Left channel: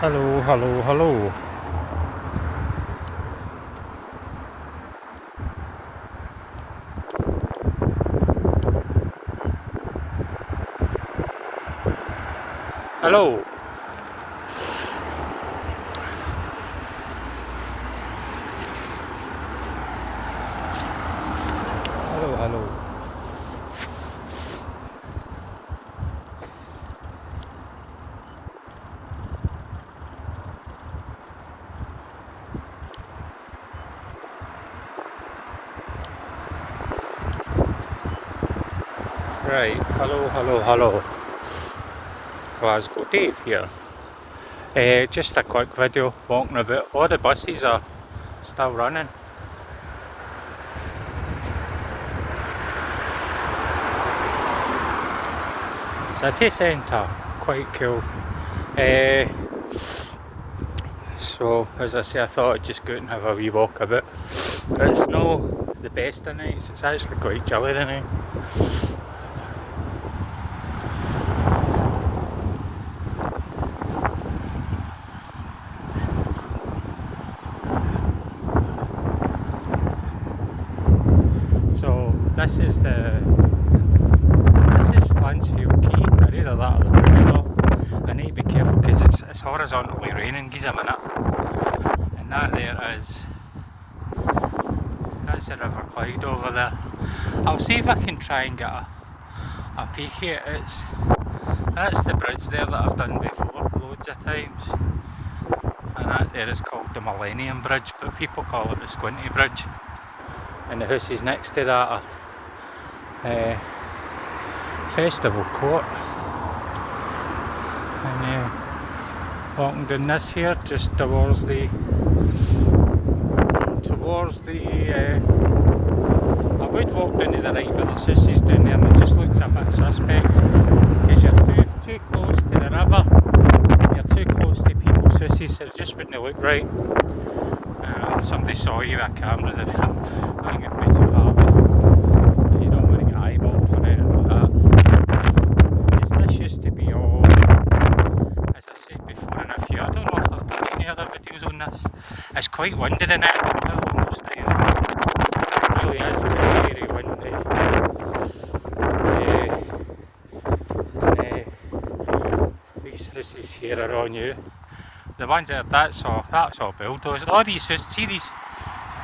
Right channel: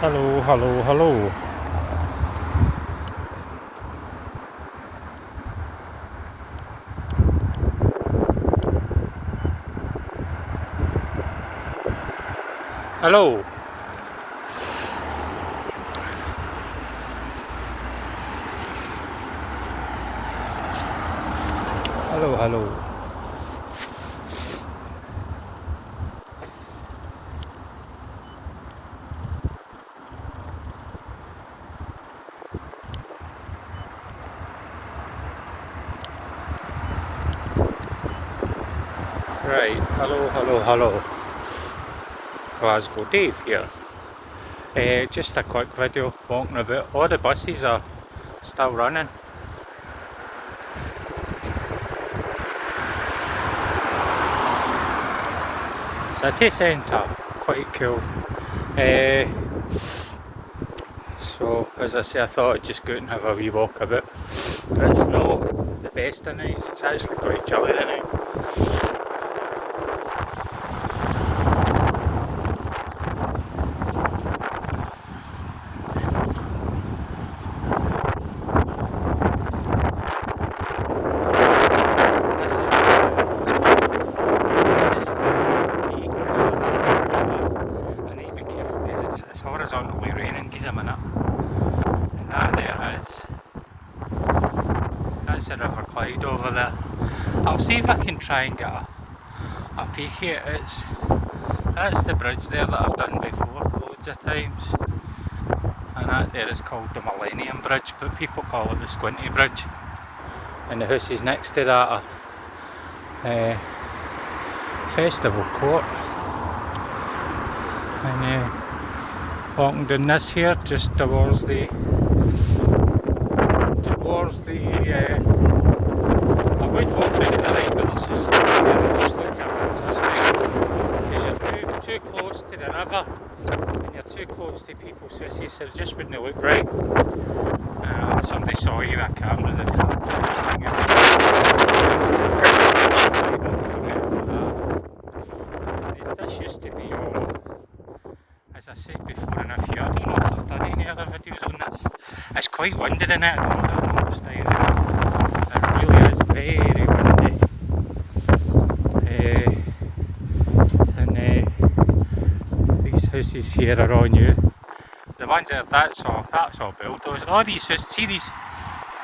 Hello, hello, hello. Hello. Hello, hello. Right, hello, hello, hello. Glasgow Dave here. Just a quick video walking about. All the buses are still running. City centre, quite cool. So, as I say, I thought I'd just go out and have a wee walk about. But it's not the best of nights, it's actually quite chilly tonight. It's horizontally raining, gives a minute. And that there is, that's the River Clyde over there. I'll see if I can try and get a peek at it. That's the bridge there that I've done before loads of times. And that there is called the Millennium Bridge, but people call it the Squinty Bridge. And the houses next to that are Festival Court. And walking down this here, just towards the I would walk down to the right, but there's just down there, and it just looks a bit suspect, because you're too close to the river, you're too close to people's houses, so it just wouldn't look right. If somebody saw you with a camera, they'd this used to be all, as I said before in a few, I don't know if I've done any other videos on this. It's quite windy in it, I don't know what's down there. It really is very windy. And these houses here are all new. The ones that that's all bulldozed. All these houses, see these,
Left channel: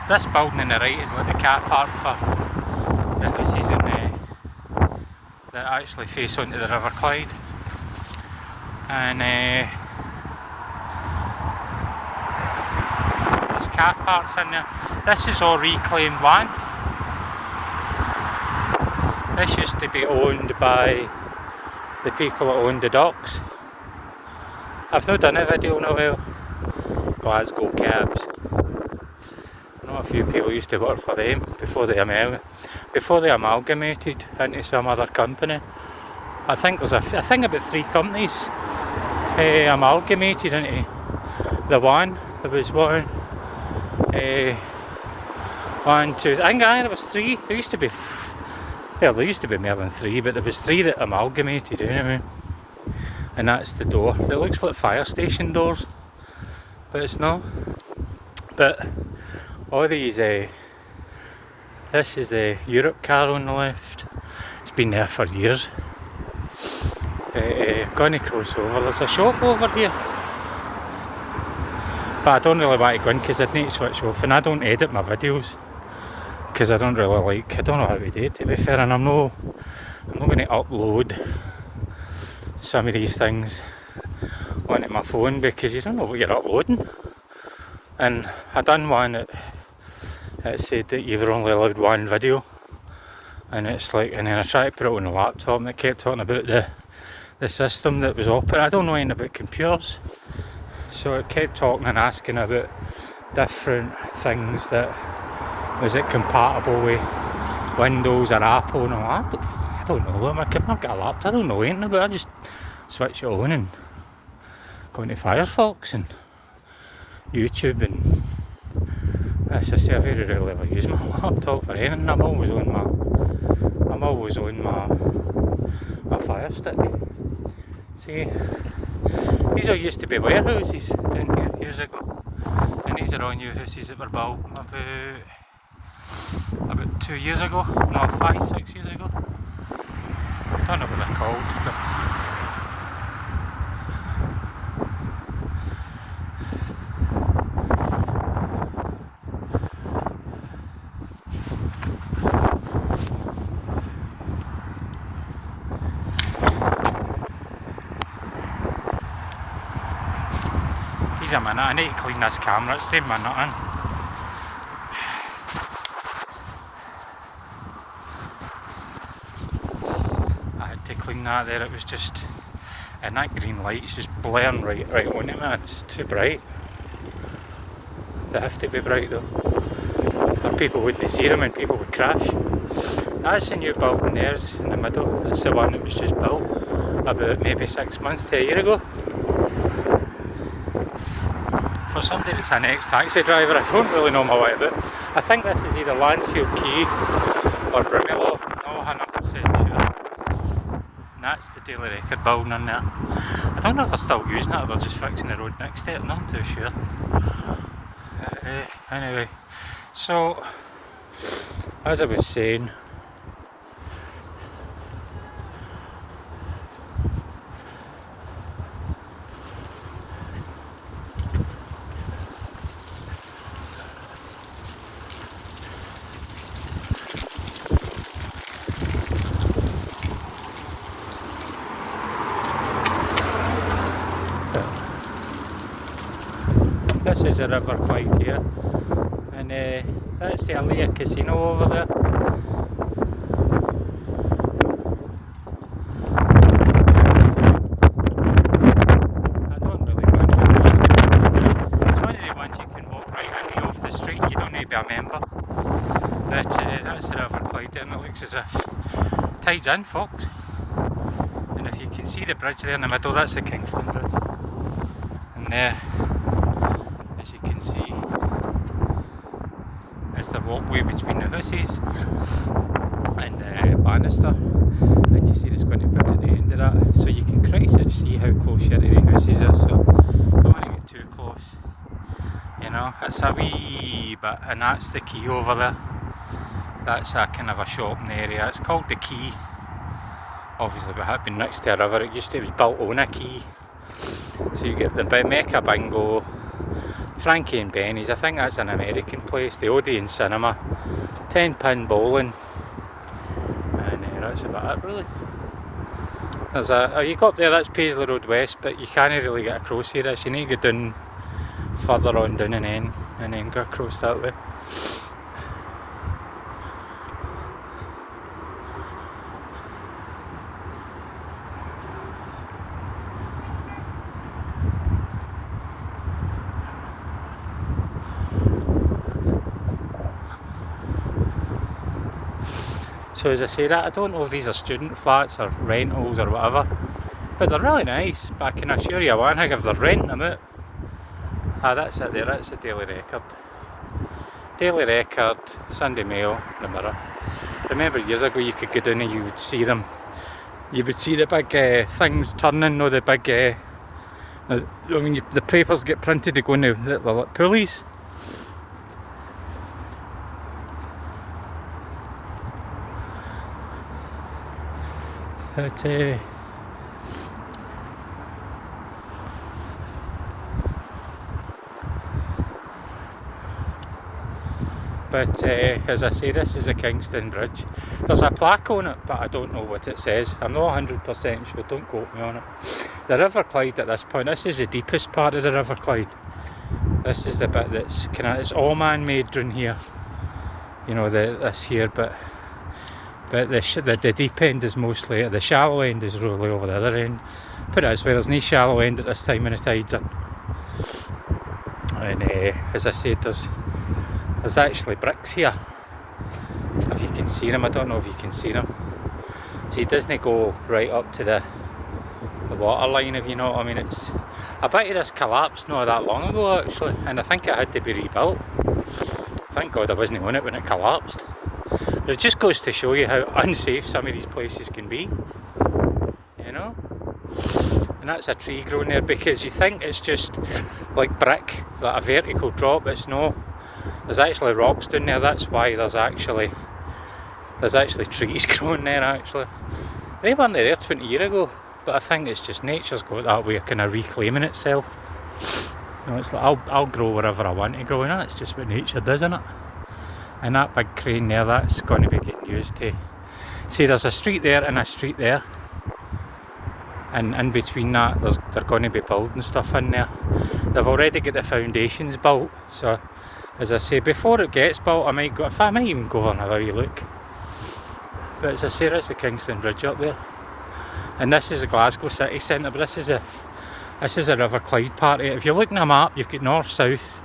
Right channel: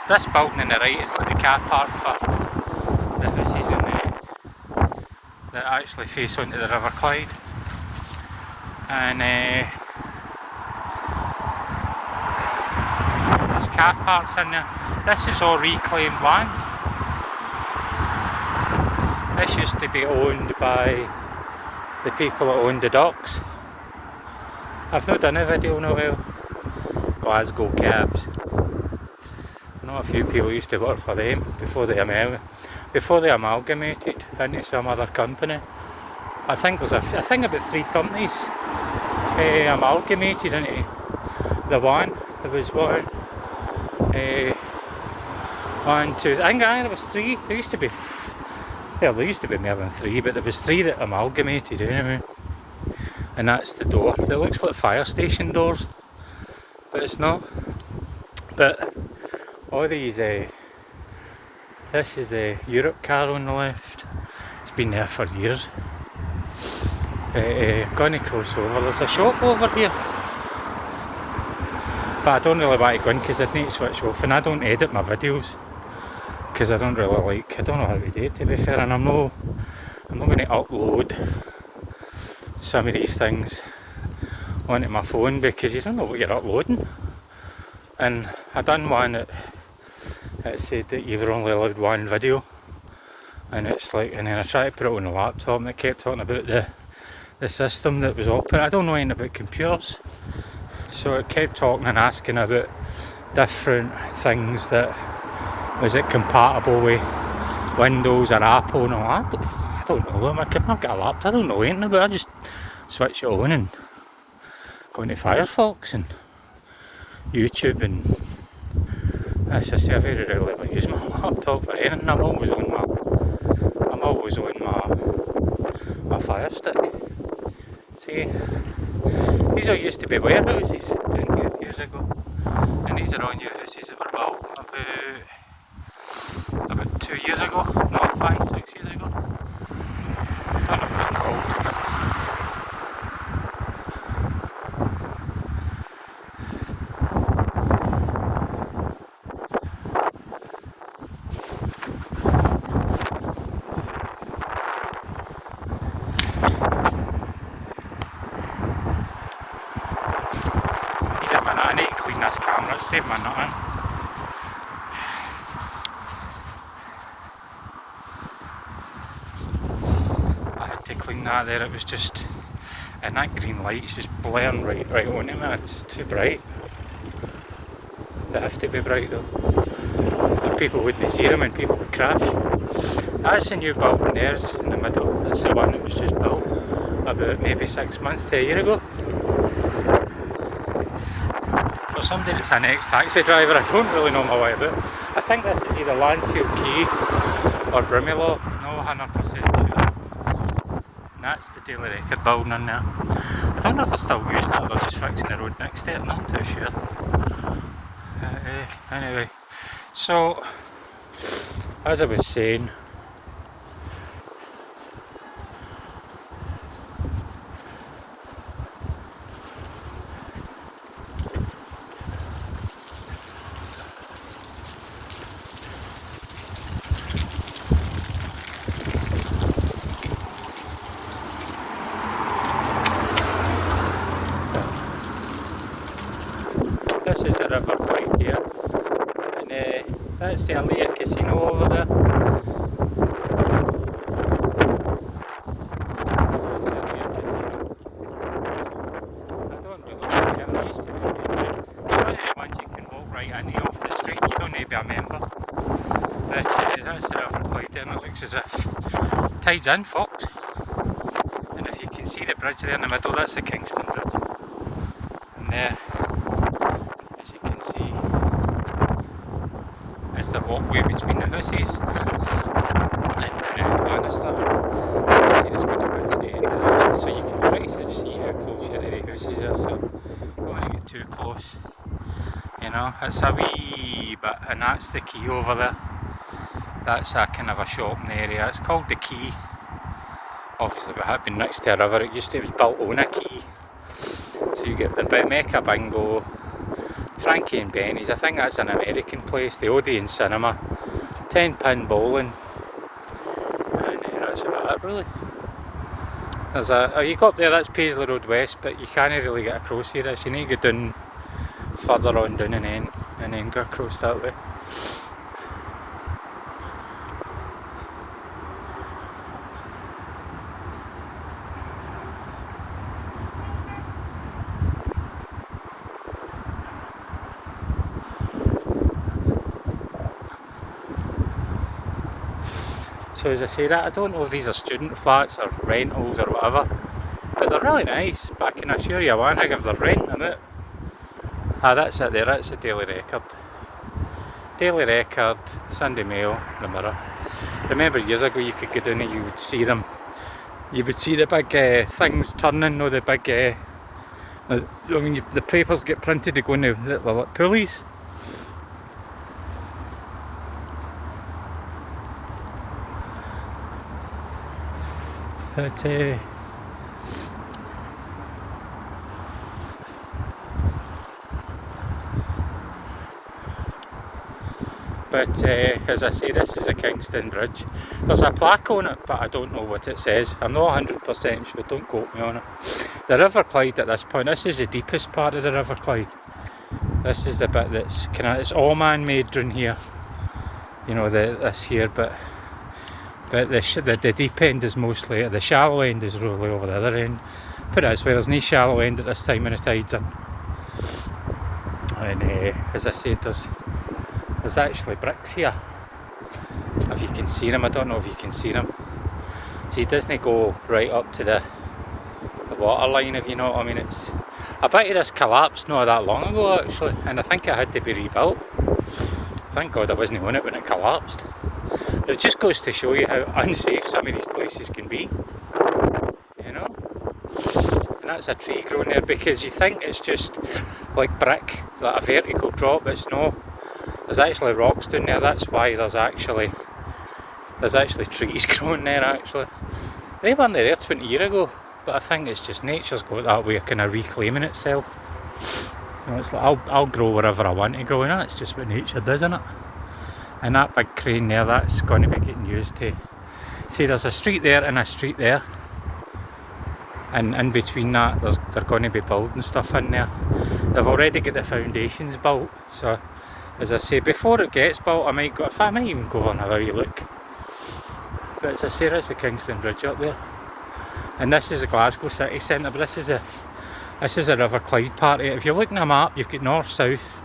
this building on the right is like the car park for the houses on that actually face onto the River Clyde. And there's car parks in there. This is all reclaimed land. This used to be owned by the people that owned the docks. I've not done a video in a while. Glasgow Cabs. I know a few people used to work for them before they amalgamated into some other company. I think there's about 3 companies amalgamated into the one. There was one, 1, 2. I think there was 3. There used to be more than 3, but there was 3 that amalgamated anyway. And that's the door. It looks like fire station doors, but it's not. But all these, this is a Europe car on the left. It's been there for years. Gonna cross over. There's a shop over here, but I don't really want to go in because I'd need to switch off, and I don't edit my videos because I don't really like. I don't know how to do it, to be fair, and I'm not going to upload some of these things onto my phone because you don't know what you're uploading. And I done one that said that you were only allowed 1 video, and it's like, and then I tried to put it on the laptop and it kept talking about the system that was operating. I don't know anything about computers, so it kept talking and asking about different things, that was it compatible with Windows or Apple and all that. I don't know. I've got a laptop, I don't know anything about it. I just switch it on and go into Firefox and YouTube, and as I say, I very rarely ever use my laptop for anything. I'm always on my Fire Stick. See, these all used to be warehouses down here years ago. And these are all new houses that were built about 2 years ago, no, 5, 6 years ago. I don't know what they're called. He's a minute, I need to clean this camera, it's doing my nut in. To clean that there, it was just, and that green light's just blaring right on it, man. It's too bright. They have to be bright though, and people wouldn't see them and people would crash. That's the new building there's in the middle. That's the one that was just built about maybe 6 months to a year ago. For somebody that's an ex-taxi driver, I don't really know my way about it. I think this is either Lansfield Quay or Broomielaw, no 100% sure. That's the Daily Record building in there. I don't know if they're still using it or they're just fixing the road next to it, I'm not too sure. Anyway, so as I was saying, this is the River Clyde here, and that's the Alia Casino over there. I don't really know. It's one of the ones you can walk right in off the street, you don't need to be a member. But that's the River Clyde and it looks as if tide's in, folks. And if you can see the bridge there in the middle, that's the Kingston Bridge. And there, as you can see, is the walkway between the houses and Bannister. You see the spinning bridge at the end of that, so you can pretty much see how close you're to the houses are, so don't want to get too close. You know, it's a wee bit, and that's the quay over there. That's a kind of a shopping area. It's called the Quay. Obviously, it had been next to a river. It was built on a quay. So you get the Mecca Bingo, Frankie and Benny's. I think that's an American place. The Odeon Cinema, 10-pin bowling, and that's about it really. There's you go up there, that's Paisley Road West, but you can't really get across here. You need to go down further on down and then go across that way. So as I say that, I don't know if these are student flats or rentals or whatever, but they're really nice. But I can assure you one thing, if they're renting it, that's it there, that's the Daily Record. Daily Record, Sunday Mail, the Mirror. Remember years ago you could go down and you would see them. You would see the big things turning, the big, when the papers get printed, they go in the like pulleys. But as I say, this is a Kingston Bridge. There's a plaque on it, but I don't know what it says. I'm not 100% sure, don't quote me on it. The River Clyde at this point, this is the deepest part of the River Clyde. This is the bit that's it's all man-made down here. You know, this here, but the deep end is mostly, the shallow end is really over the other end. Put it this way, there's no shallow end at this time when the tide's in. And as I said, there's actually bricks here. If you can see them, I don't know if you can see them. See, it doesn't go right up to the water line, if you know what I mean. I bet you this collapsed not that long ago actually, and I think it had to be rebuilt. Thank God I wasn't on it when it collapsed. It just goes to show you how unsafe some of these places can be, you know. and that's a tree growing there, because you think it's just like brick, like a vertical drop. It's no, there's actually rocks down there. That's why there's actually trees growing there actually. They weren't there 20 years ago, but I think it's just nature's got that way of kind of reclaiming itself. You know, it's like I'll grow wherever I want to grow, and that's just what nature does, isn't it? And that big crane there, that's going to be getting used to. See, there's a street there and a street there, and in between that they're going to be building stuff in there. They've already got the foundations built, so as I say, before it gets built I might even go over and have a wee look. But as I say, that's the Kingston Bridge up there, and this is the Glasgow city centre. But this is a River Clyde part of it. If you're looking at a map, you've got north, south,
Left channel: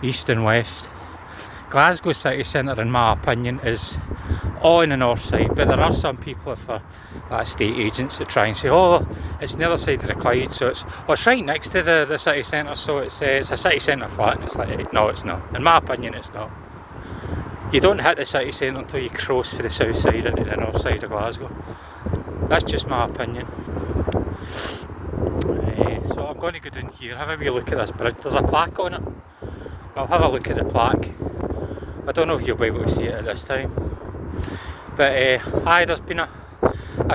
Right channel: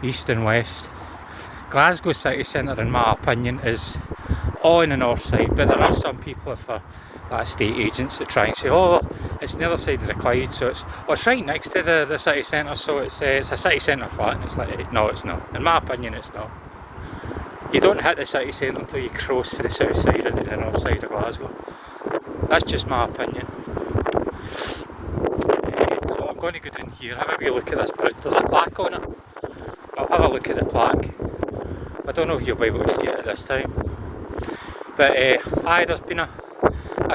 east and west. Glasgow city centre, in my opinion, is on the north side, but there are some people, if they're like estate agents, that try and say, oh, it's the other side of the Clyde, so it's right next to the city centre, so it's a city centre flat. And it's like, no, it's not. In my opinion, it's not. You don't hit the city centre until you cross for the south side into the north side of Glasgow. That's just my opinion. So I'm going to go down here, have a wee look at this bridge. There's a plaque on it. I'll have a look at the plaque. I don't know if you'll be able to see it at this time. But there's been a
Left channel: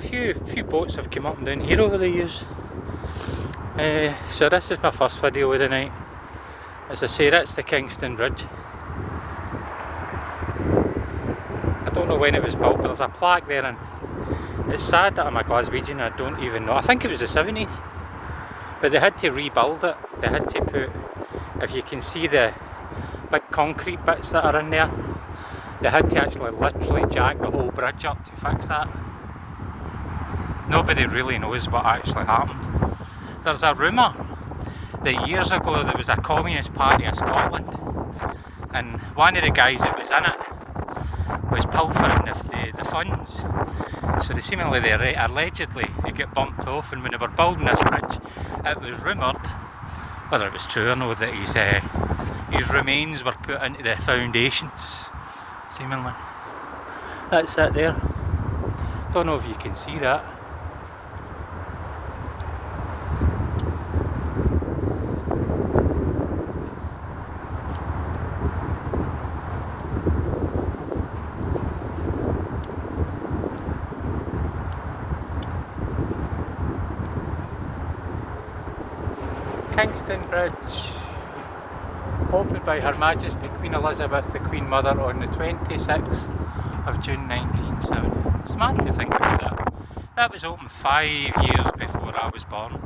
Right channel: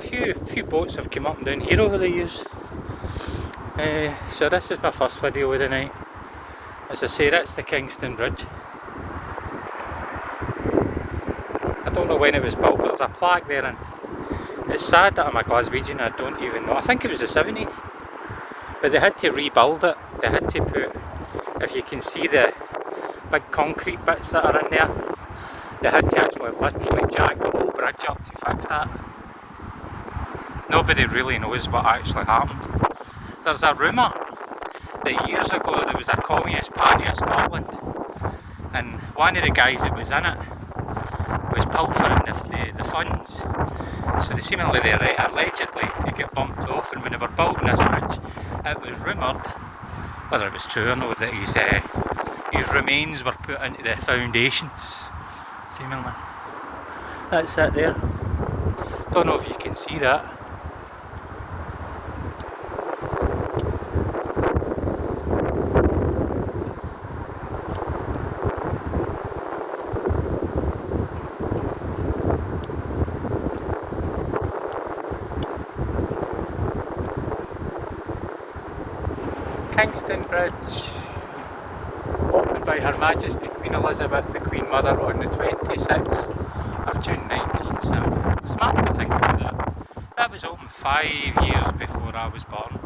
few boats have come up and down here over the years. So this is my first video of the night. As I say, that's the Kingston Bridge. I don't know when it was built, but there's a plaque there, and it's sad that I'm a Glaswegian, I don't even know. I think it was the 70s. But they had to rebuild it. They had to put, if you can see the big concrete bits that are in there, they had to actually literally jack the whole bridge up to fix that. Nobody really knows what actually happened. There's a rumour that years ago there was a Communist Party of Scotland, and one of the guys that was in it was pilfering the funds. So they seemingly, allegedly, they get bumped off, and when they were building this bridge, it was rumoured, whether it was true or not, that his remains were put into the foundations, seemingly. That's it there. Don't know if you can see that. Kingston Bridge, opened by Her Majesty Queen Elizabeth, the Queen Mother, on the 26th of June 1970. It's mad to think about that. That was opened 5 years before I was born.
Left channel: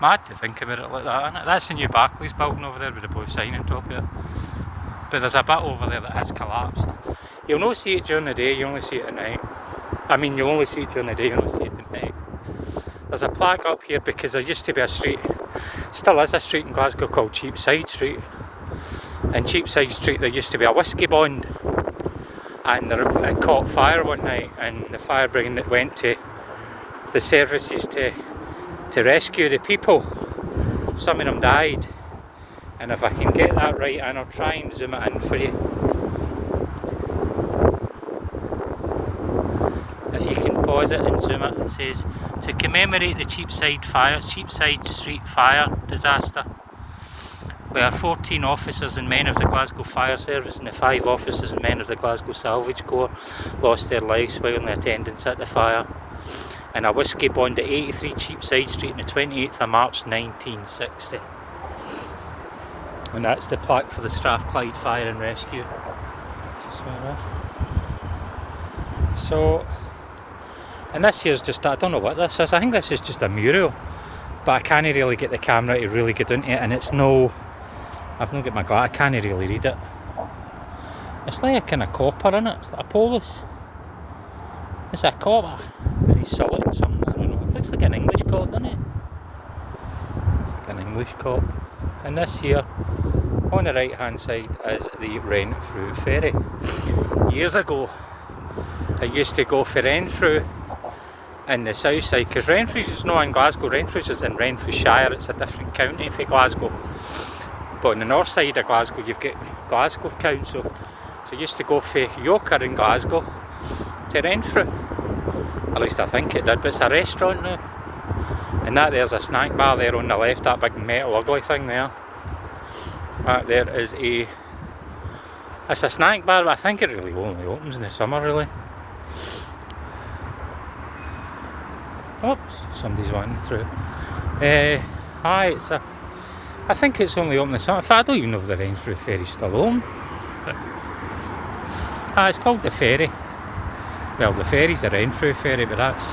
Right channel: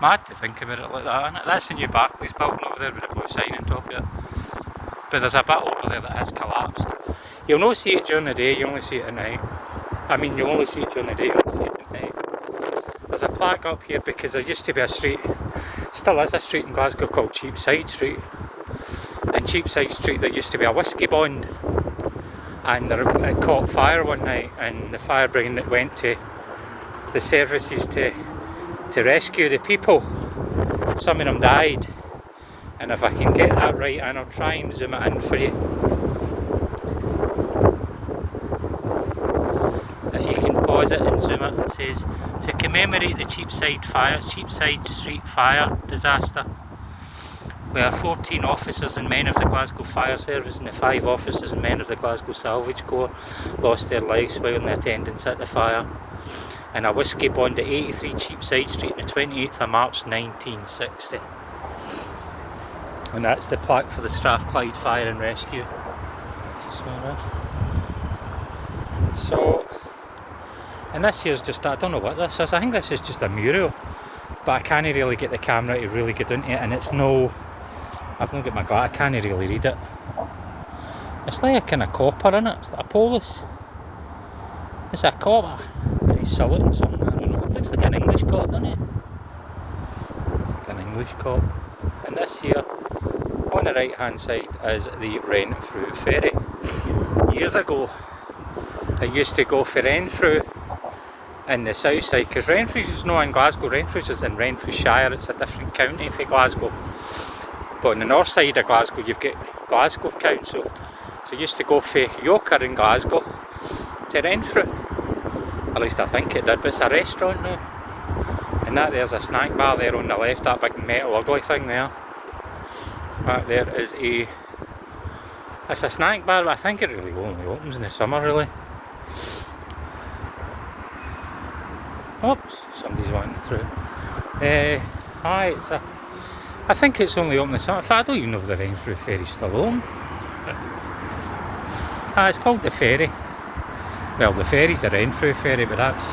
Mad to think about it like that, isn't it? That's the new Barclays building over there with a blue sign on top of it. But there's a bit over there that has collapsed. You'll not see it during the day, you only see it at night. I mean, you only see it during the day, you don't see it at night. There's a plaque up here because there used to be a street, still is a street in Glasgow, called Cheapside Street. And Cheapside Street, there used to be a whisky bond, and it caught fire one night, and the fire brigade went to the services to rescue the people. Some of them died, and if I can get that right, and I'll try and zoom it in for you. If you can pause it and zoom it, it says, to commemorate the Cheapside Street fire disaster, where 14 officers and men of the Glasgow Fire Service and the 5 officers and men of the Glasgow Salvage Corps lost their lives while in attendance at the fire, and a whisky bond at 83 Cheapside Street on the 28th of March 1960. And that's the plaque for the Strathclyde Fire and Rescue. So, and this here's just, I don't know what this is, I think this is just a mural, but I can't really get the camera to really get into it, and it's no, I've not got my glass, I can't really read it. It's like a kind of copper in it, it's like a polis. It's a copper, and he's saluting something, I don't know, it looks like an English cop, doesn't it? It's like an English cop. And this here, on the right hand side, is the Renfrew ferry. Years ago, I used to go for Renfrew in the south side, because Renfrew is not in Glasgow, Renfrew is in Renfrewshire, it's a different county for Glasgow. But on the north side of Glasgow, you've got Glasgow Council. So I used to go for Yoker in Glasgow to Renfrew. At least I think it did, but it's a restaurant now. And that there's a snack bar there on the left, that big metal ugly thing there. That there is it's a snack bar, but I think it really only opens in the summer really. Oops, somebody's wanting through. Aye, I think it's only open in the summer. In fact, I don't even know if the Renfrew ferry's still open. It's called the ferry. Well, the ferry's the Renfrew ferry, but that's...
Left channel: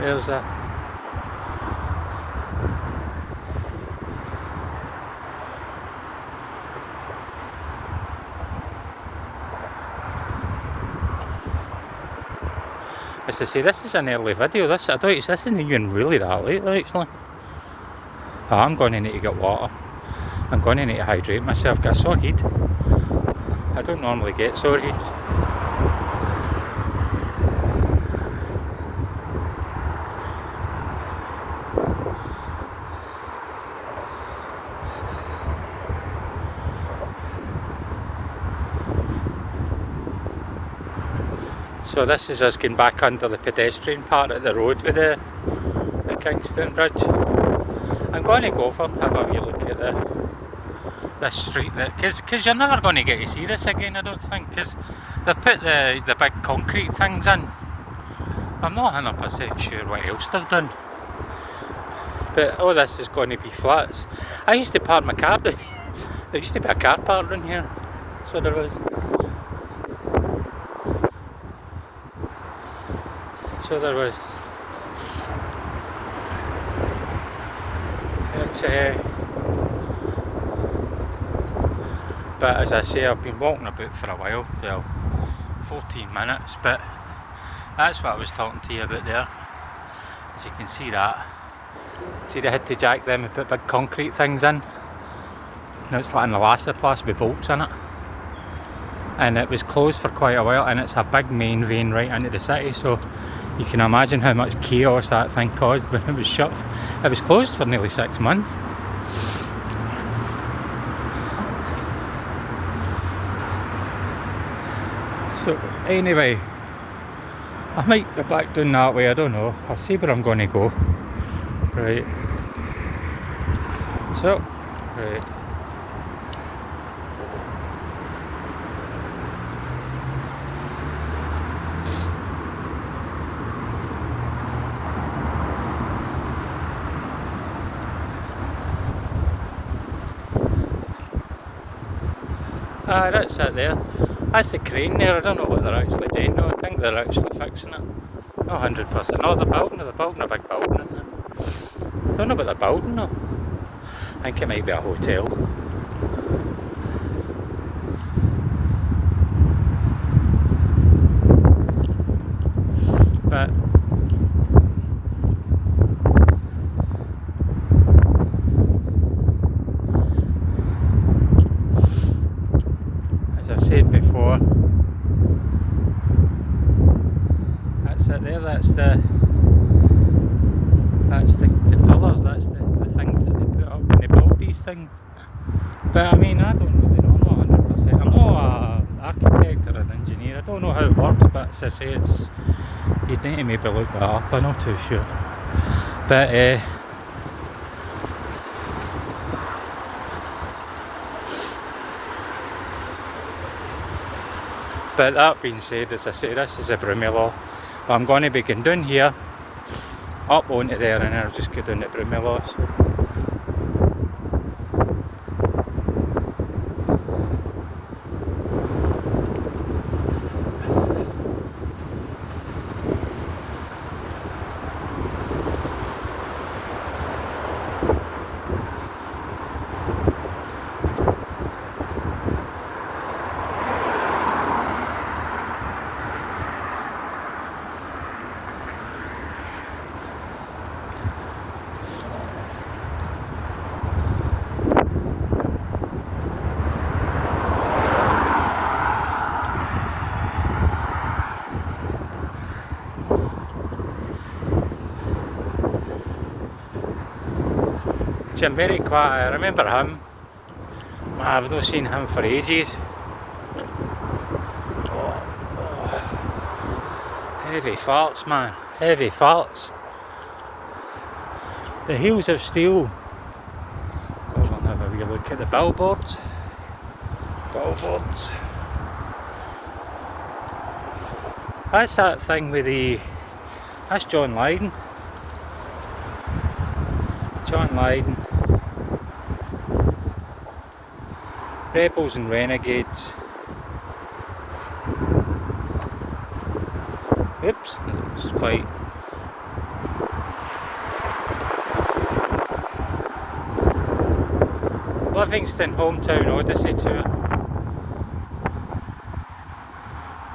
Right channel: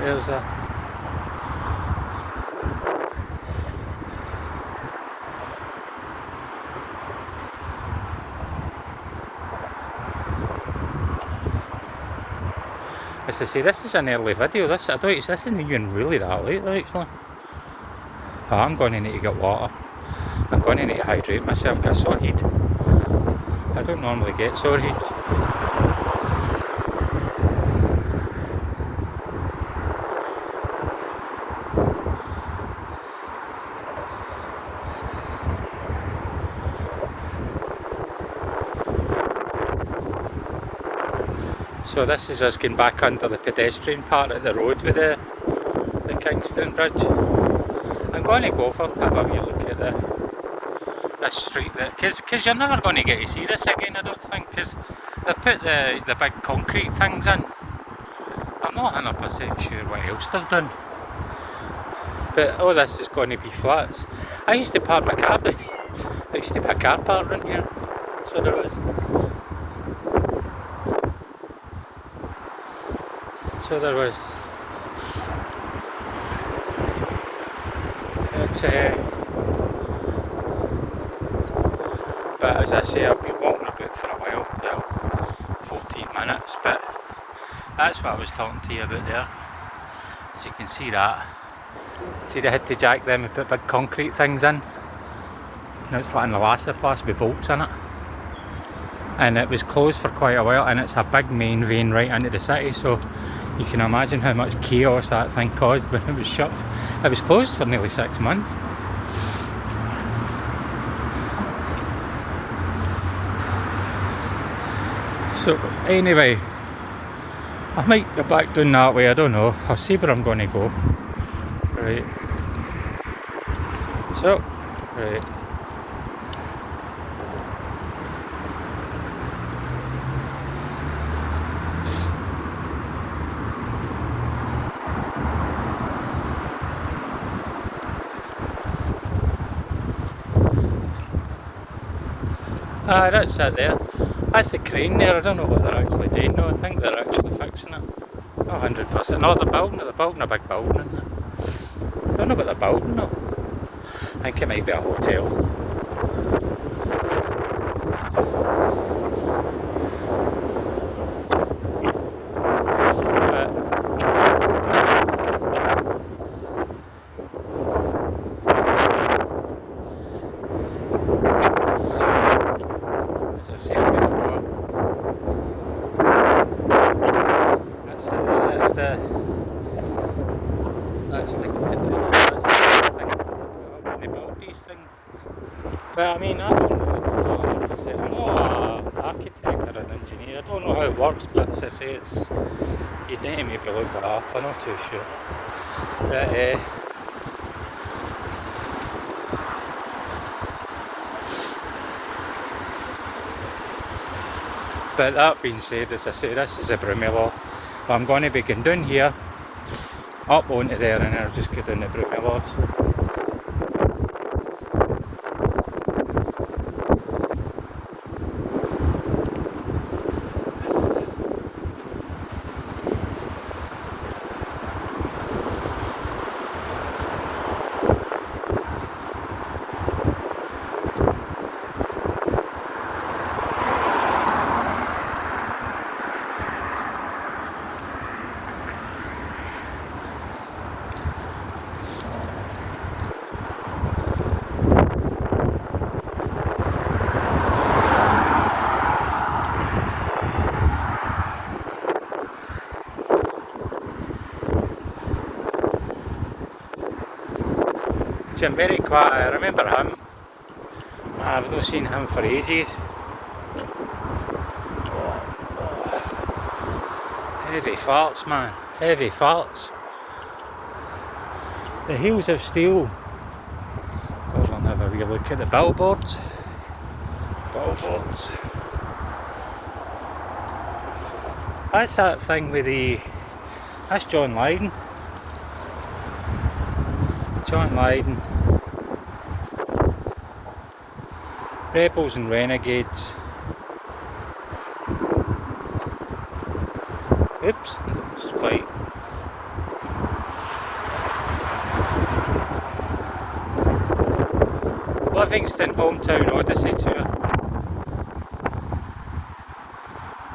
there's a... As I say, this is an early video. This isn't even really that late, actually. Oh, I'm going to need to get water. I'm going to need to hydrate myself, get a sore head. I don't normally get sore head. So this is us going back under the pedestrian part of the road with the Kingston Bridge. I'm going to go for have a wee look at this street, because you're never going to get to see this again, I don't think, because they've put the big concrete things in. I'm not 100% sure what else they've done, but all this is going to be flats. I used to park my car down here. There used to be a car park in here, so there was. So there was. It's but as I say, I've been walking about for a while, well, 14 minutes, but that's what I was talking to you about there. As you can see that. See, they had to jack them and put big concrete things in. Now it's like an elastoplast with bolts in it. And it was closed for quite a while, and it's a big main vein right into the city, so you can imagine how much chaos that thing caused when it was shut. It was closed for nearly 6 months. So anyway, I might go back down that way, I don't know. I'll see where I'm going to go. Right. So, right. That's it there. That's the crane there. I don't know what they're actually doing. No, I think they're actually fixing it. Not 100%. No, they're building a big building, isn't it? I don't know what they're building though. I think it might be a hotel. As I've said before, that's it there. That's the cover. That's the things that they put up when they build these things. But I mean, I don't know 100%. I'm not an architect or an engineer. I don't know how it works, but as I say, you'd need to maybe look that up. I'm not too sure. But but that being said, as I say, this is a Broomielaw. But I'm going to be going down here, up onto there, and I'll just go down the Broomielaw. So. Jim very quiet. I remember him. I've not seen him for ages. Heavy farts, man. Heavy farts. The Heels of Steel. Go on, have a wee look at the billboards. Billboards. That's that thing with the... That's John Lydon. John Lydon. Rebels and Renegades. Oops, it's quite... Livingston Hometown Odyssey Tour.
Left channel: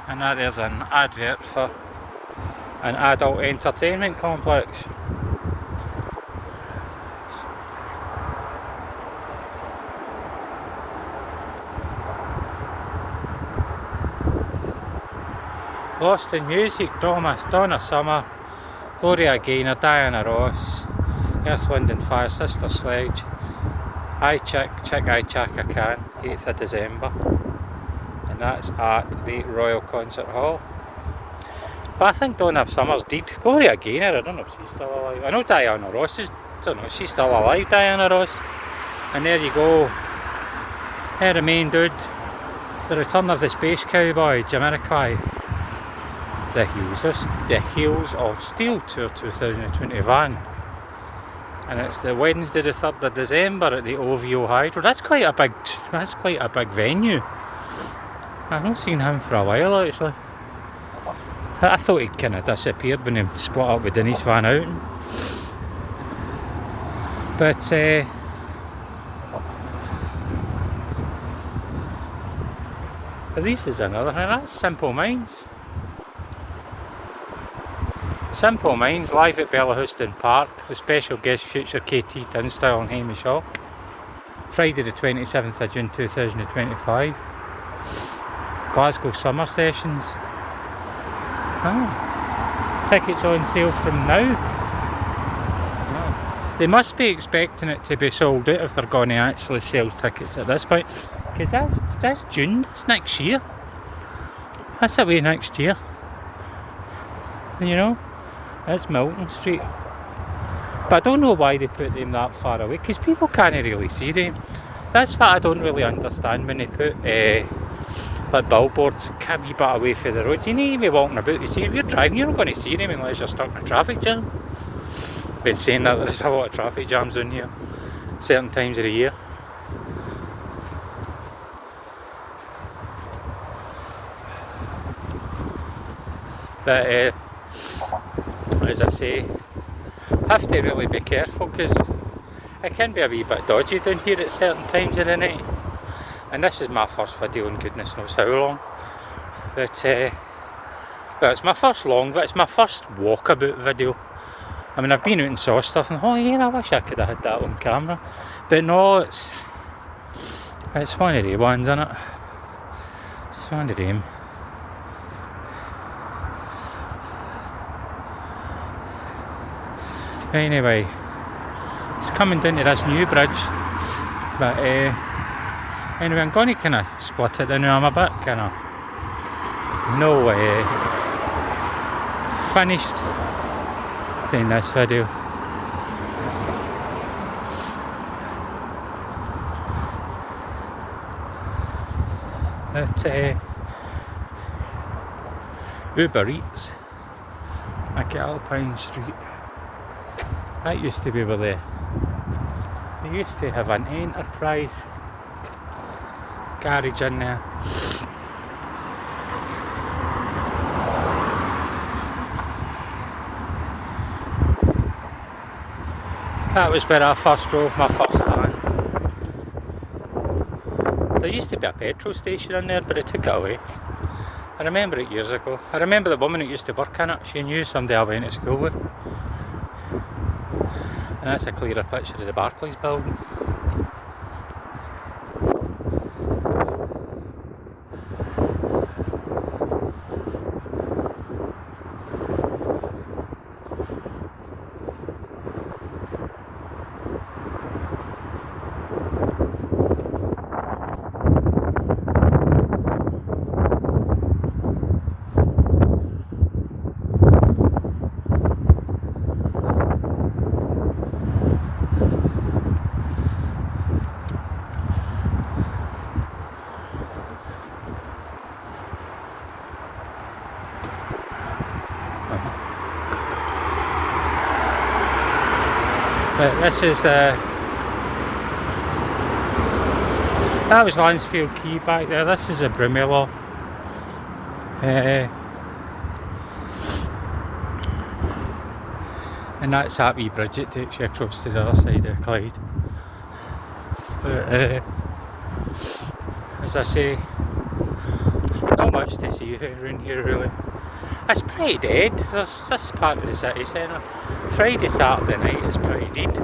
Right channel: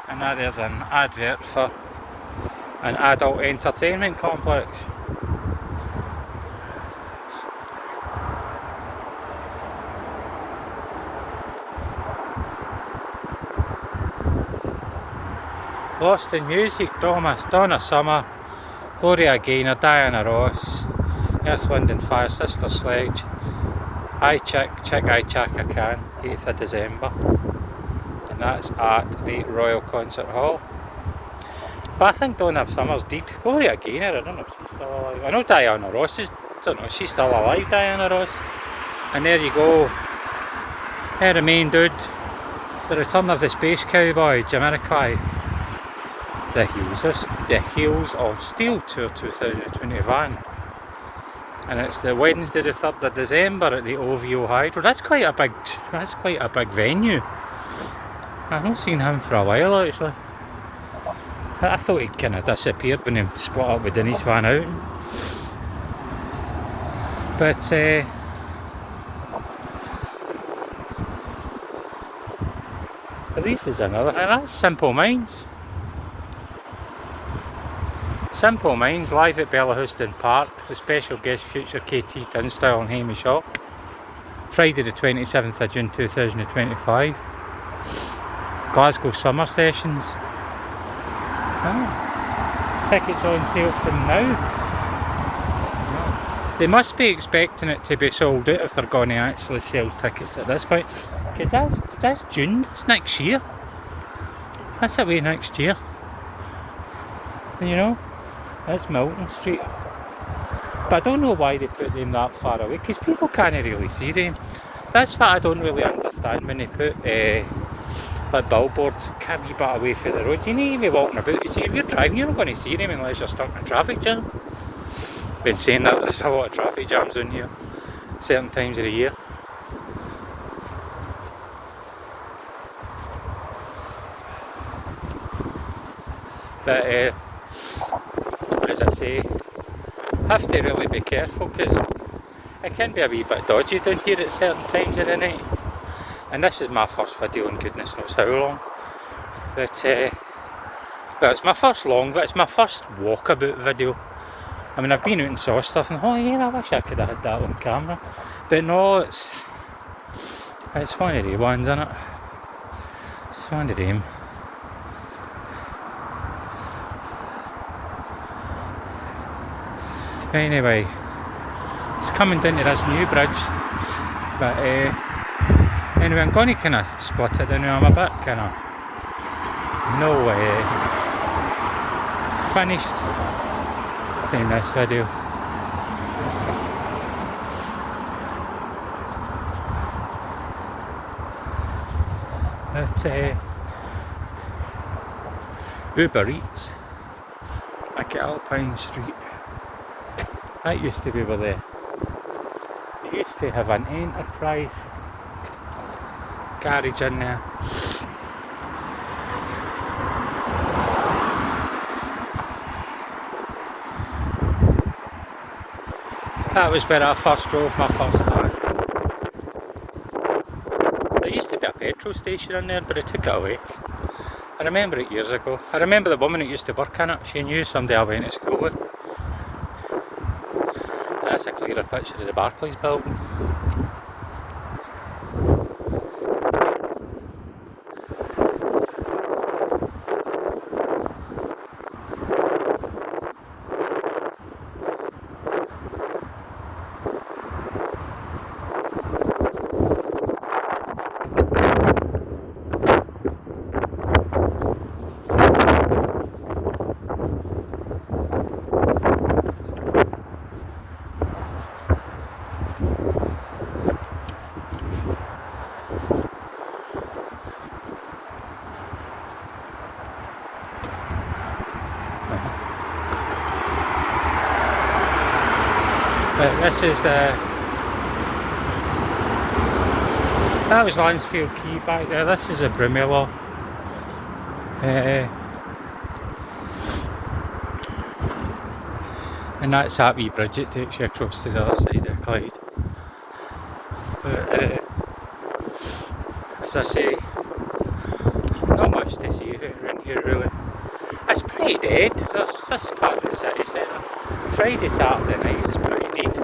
And there's an advert for an adult entertainment complex. Lost in Music, Donna Summer, Gloria Gaynor, Diana Ross, Earth, Wind and Fire, Sister Sledge, I Chick, I Chaka Khan, 8th of December. And that's at the Royal Concert Hall. But I think Donna Summer's dead. Gloria Gaynor, I don't know if she's still alive. I know Diana Ross is, I don't know, she's still alive, Diana Ross. And there you go. Her the main dude. The Return of the Space Cowboy, Jamiroquai. The Heels of Steel Tour 2021. And it's the Wednesday the 3rd of December at the OVO Hydro. That's quite a big venue. I've not seen him for a while actually. I thought he'd kind of disappeared when he split up with Denise Van Outen. But this is another thing. That's Simple Minds. Simple Minds live at Bellahouston Park with special guest future KT Tunstall and Hamish Hawk. Friday the 27th of June 2025. Glasgow Summer Sessions. Oh. Tickets on sale from now. Oh. They must be expecting it to be sold out if they're going to actually sell tickets at this point. Because that's June, it's next year. That's away next year. You know? That's Milton Street. But I don't know why they put them that far away, because people can't really see them. That's what I don't really understand when they put like billboards a wee bit away from the road. You need to be walking about. You see, if you're driving, you're not going to see them unless you're stuck in a traffic jam. Been saying that there's a lot of traffic jams in here, certain times of the year. But as I say, have to really be careful because it can be a wee bit dodgy down here at certain times of the night. And this is my first video in goodness knows how long. But well, it's my first walkabout video. I mean, I've been out and saw stuff and oh yeah, I wish I could have had that on camera. But no, it's one of the ones, isn't it? It's one of them. Anyway, it's coming down to this new bridge, but anyway, I'm going to kind of split it down now. I'm a bit kind of finished doing this video. At Uber Eats at Alpine Street. That used to be where they used to have an Enterprise garage in there. That was where I first drove my first van. There used to be a petrol station in there, but they took it away. I remember it years ago. I remember the woman that used to work in it. She knew somebody I went to school with. That's a clearer picture of the Barclays building. But this is that was Lansfield Quay back there. This is a Broomielaw. And that's that wee bridge that takes you across to the other side of Clyde. But as I say, not much to see around here really. It's pretty dead. There's this part of the city centre. Friday, Saturday night is pretty dead.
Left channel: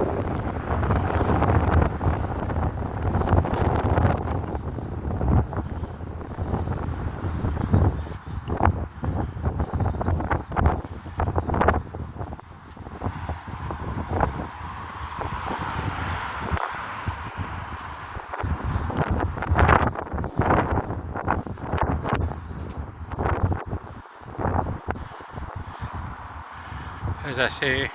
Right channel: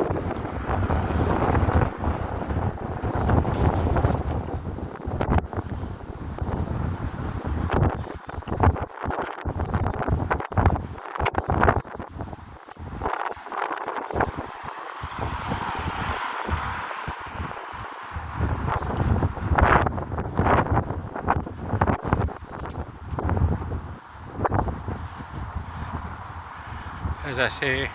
As I say,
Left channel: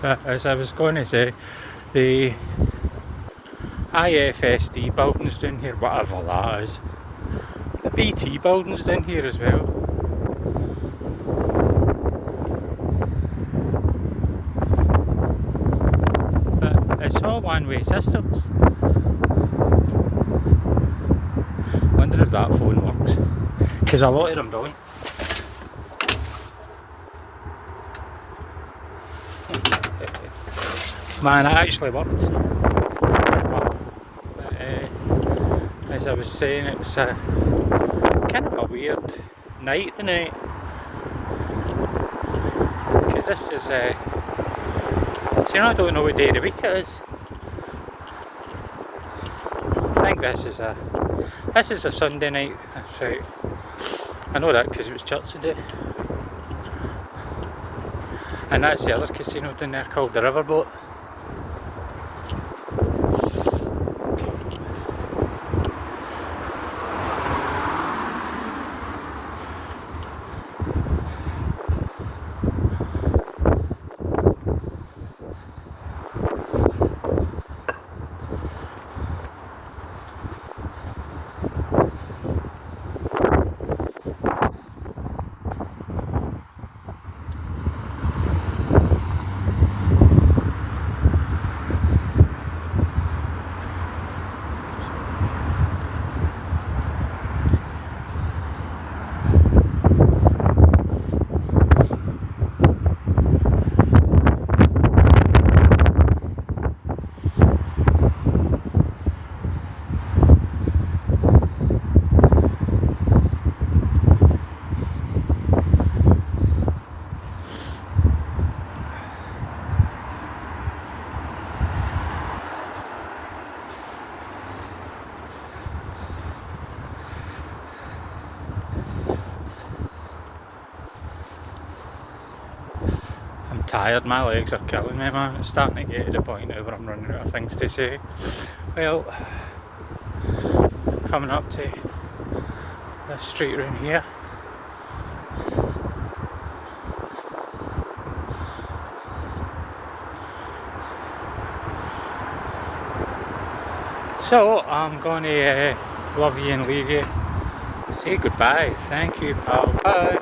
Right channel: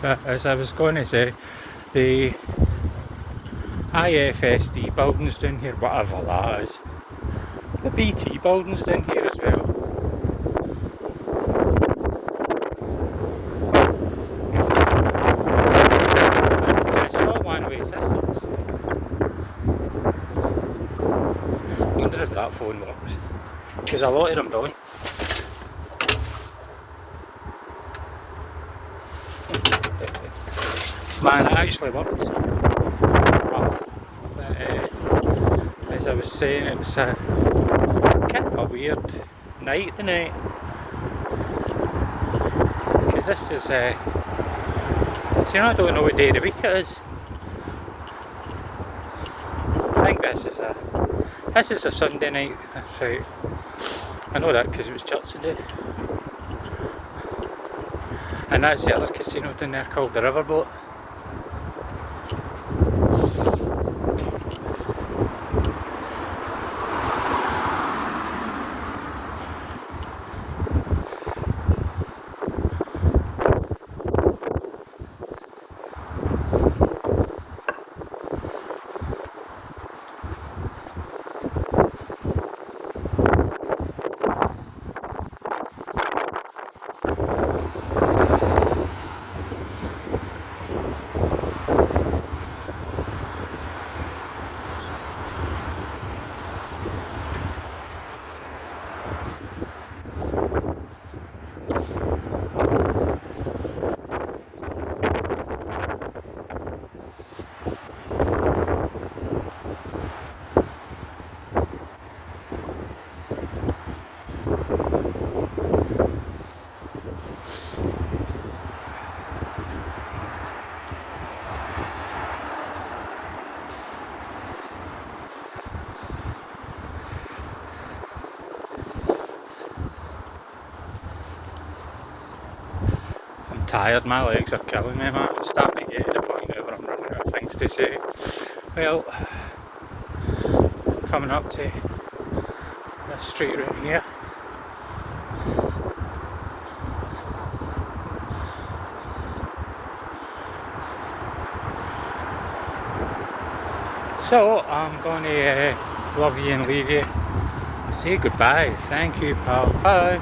but as I was going to say, the IFSD buildings down here, whatever that is, the BT buildings down here as well. It's all one-way systems. Wonder if that phone works, because a lot of them don't. Man, it actually works. But as I was saying, it's kind of a weird night tonight, because this is so you know, I don't know what day of the week it is. I think this is a Sunday night. That's right. I know that because it was church today. And that's the other casino down there called the Riverboat. Tired, my legs are killing me, man. It's starting to get to the point where I'm running out of things to say. Well, coming up to this street room here. So I'm going to love you and leave you. Say goodbye. Thank you, pal. Bye.